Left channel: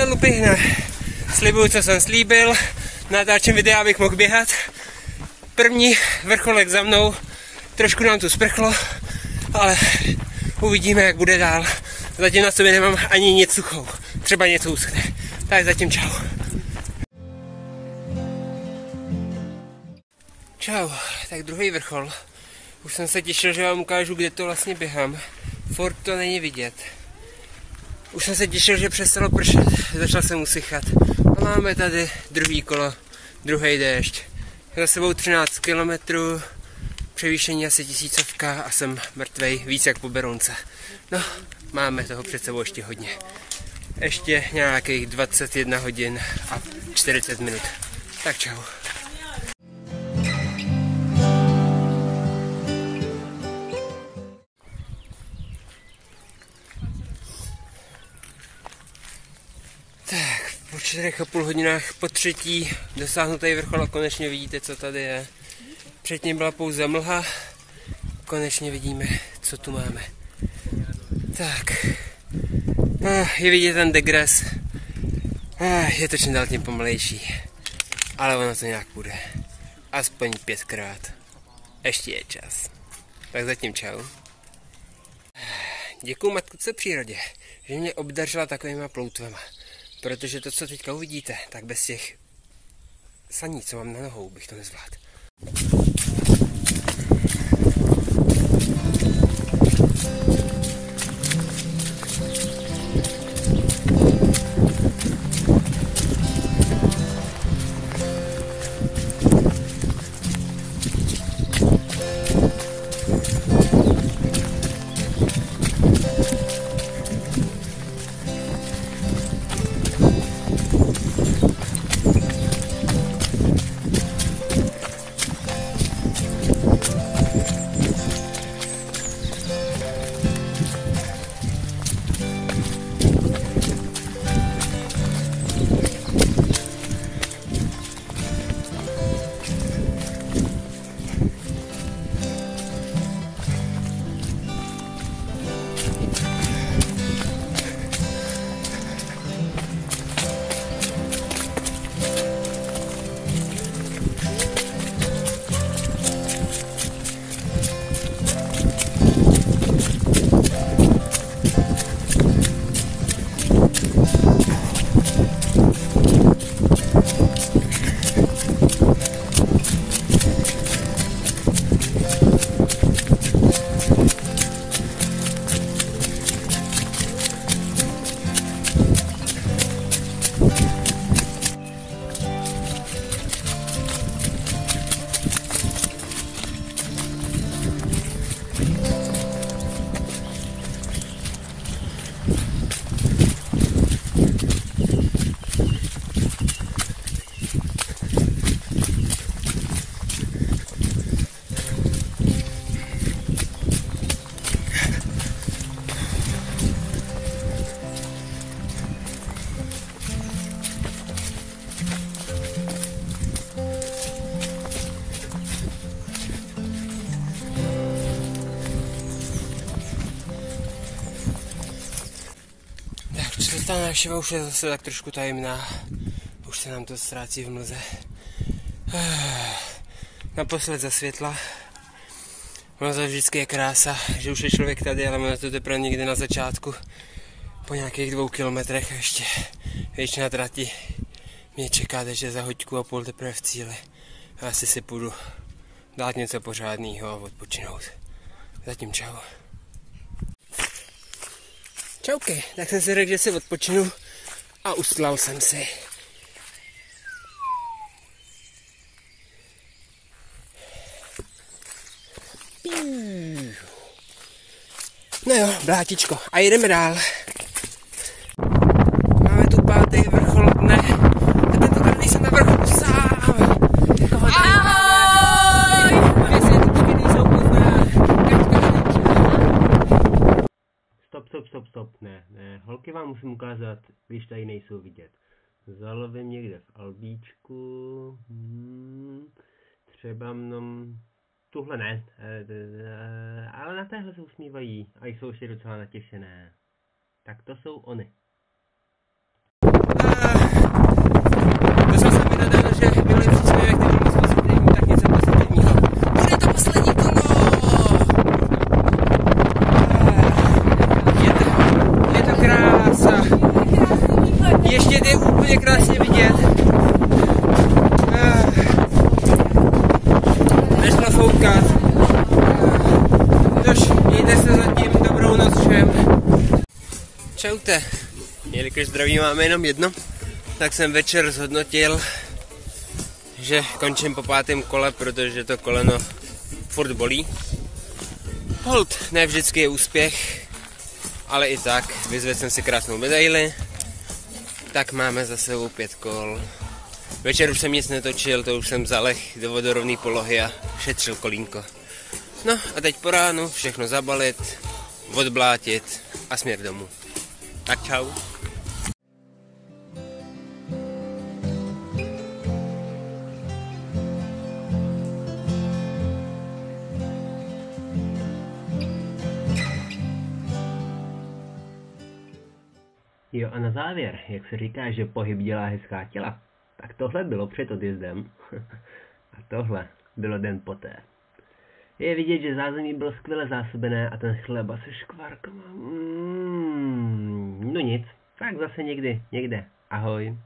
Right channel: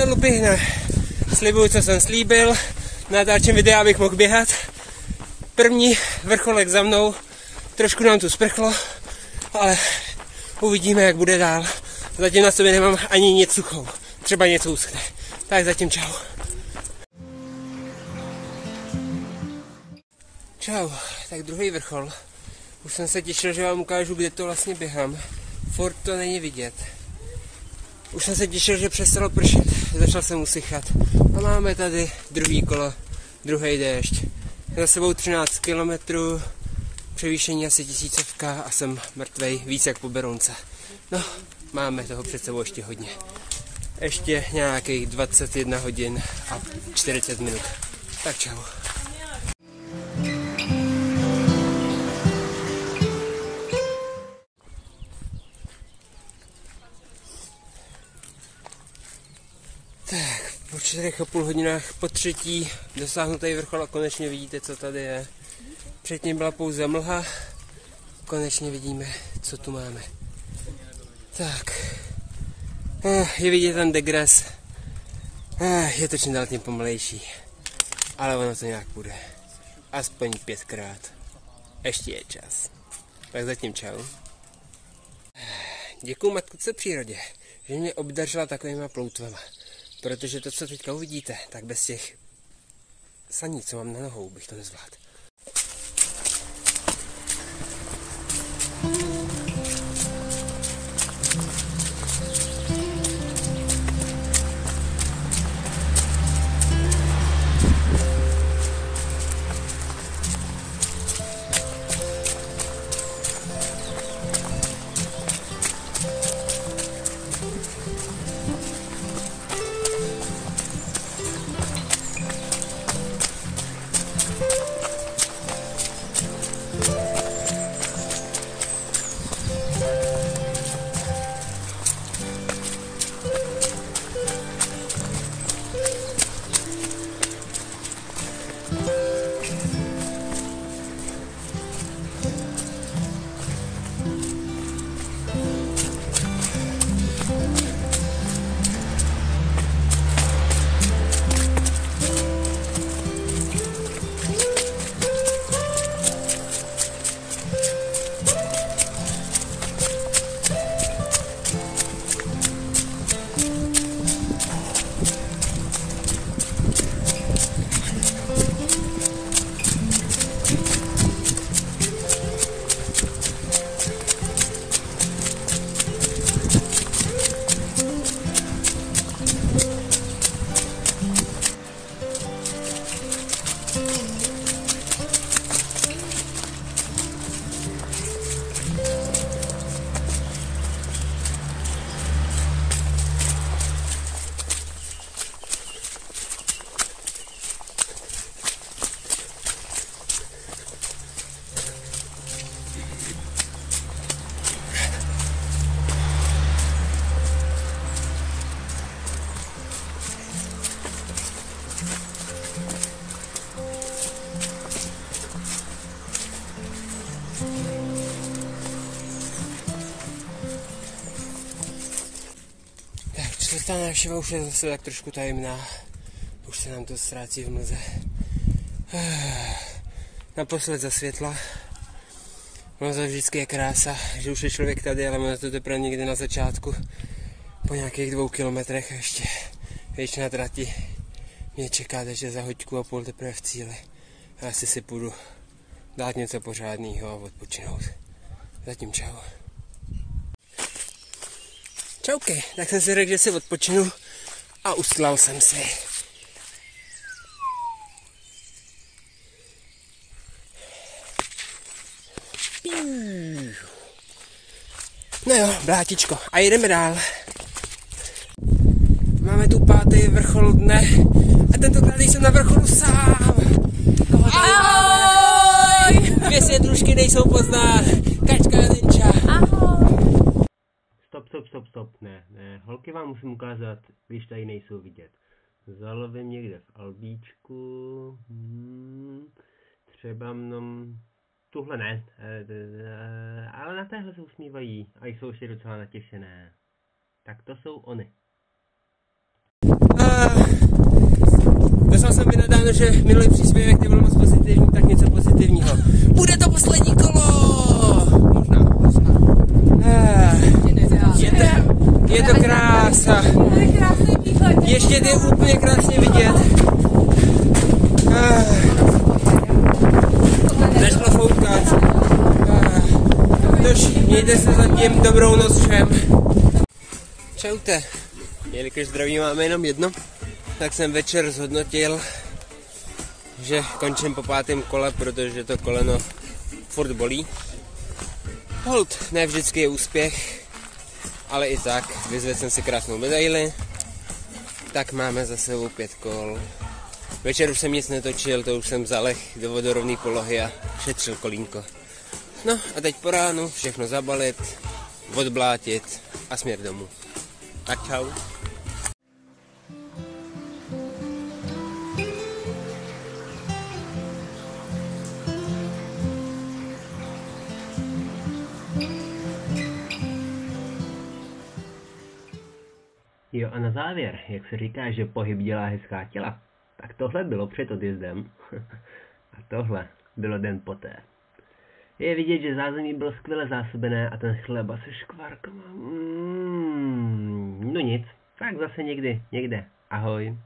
ten lupy, ne. Slibuju, co jsem slíbil. Natáčím videa, abych mohl běhat. První vrcholek za mnou. Trošku nám tu sprchlo, ale uvidíme, jak bude dál. Zatím na sobě nemám ani nic suchou. Třeba něco uschne. Tak zatím čau. Čau, tak druhý vrchol. Už jsem se těšil, že vám ukážu, kde to vlastně běhám. Furt to není vidět. Už jsem se těšil, že přestalo pršet. Začal jsem usychat. A máme tady druhý kolo, druhý déšť. Za sebou 13 kilometrů, převýšení asi 1000 a jsem mrtvej víc jak po Berounce. No, máme toho před sebou ještě hodně. Ještě nějakých 21 hodin a 40 minut. Tak čau. Tak, po 4,5 hodinách po třetí dosáhnu tady vrchol a konečně vidíte, co tady je. Předtím byla pouze mlha, konečně vidíme, co tu máme. Tak, je vidět ten degres, je to čím dál tím pomalejší, ale ono to nějak bude. Aspoň 5krát. Ještě je čas. Tak zatím čau. Děkuju matce přírodě, že mě obdařila takovýma ploutvema. Protože to, co teďka uvidíte, tak bez těch saní, co mám na nohou, bych to nezvládl. Ta návštěva už je zase tak trošku tajemná. Už se nám to ztrácí v mlze. Naposled za světla. Ono to vždycky je krása, že už je člověk tady, ale máme to teprve někde na začátku. Po nějakých 2 kilometrech a ještě většina trati mě čeká, takže za 1,5 hodiny teprve v cíli. A asi si půjdu dát něco pořádného a odpočinout. Zatím čau. Čauky, tak jsem si řekl, že si odpočinu a ustlal jsem si. No jo, blátičko, a jdeme dál. Máme tu 5. vrchol dne a tentokrát jsem na vrcholu sám. Ahoj! 2 světlušky nejsou poznat. Kačka a Ninja. Stop, ne, holky vám musím ukázat, když tady nejsou vidět. Zalovím někde v albíčku, třeba mnom, tuhle ne, ale na téhle se usmívají a jsou ještě docela natěšené. Tak to jsou ony. Napsal jsem mi nedávno, že minulý příspěvek nebyl moc pozitivní, tak něco pozitivního. Bude to poslední kolo! Je to krása. Ještě je úplně krásně vidět. Začalo foukat. Tož mějte se zatím, dobrou noc všem. Čaute. Jelikož zdraví máme jenom jedno, tak jsem večer zhodnotil, že končím po 5. kole, protože to koleno furt bolí. Hold, ne vždycky je úspěch, ale i tak vyzvedl jsem si krásnou medaili. Tak máme za sebou 5 kol. Večer už jsem nic netočil, to už jsem zaleh do vodorovné polohy a šetřil kolínko. No a teď po ránu všechno zabalit, odblátit a směr domů. Tak čau. Jo a na závěr, jak se říká, že pohyb dělá hezká těla, tak tohle bylo před odjezdem a tohle bylo den poté. Je vidět, že zázemí bylo skvěle zásobené a ten chleba se škvárkama. No nic, tak zase někdy, někde. Ahoj.